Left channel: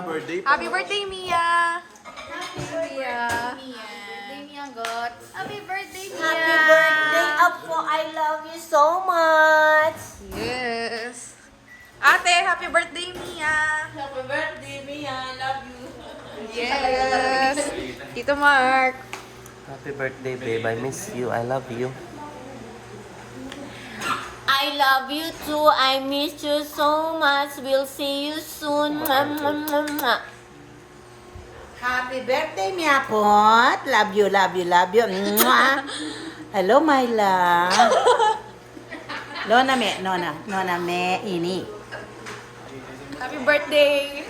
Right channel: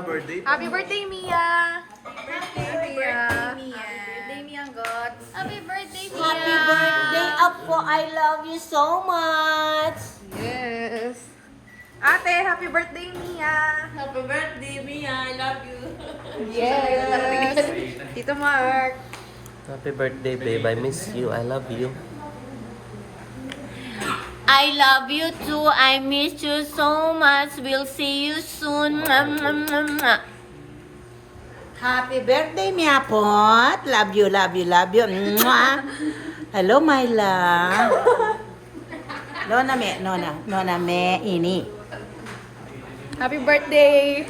Happy birthday, Mia! Happy birthday, Mia God. Happy birthday, Mia. Happy birthday, Apo. I love you so much. Yes! Ate, happy birthday, Mia! Happy birthday, Mia. I love you. Yes! Tito Mark! Happy birthday, babe. I miss you. I love you. I love you too. I miss you so much. We'll see you soon. Happy birthday, Mia Pot. Love you, love you, love you. Mwah. Hello, my love. Nona me, ini. Happy birthday!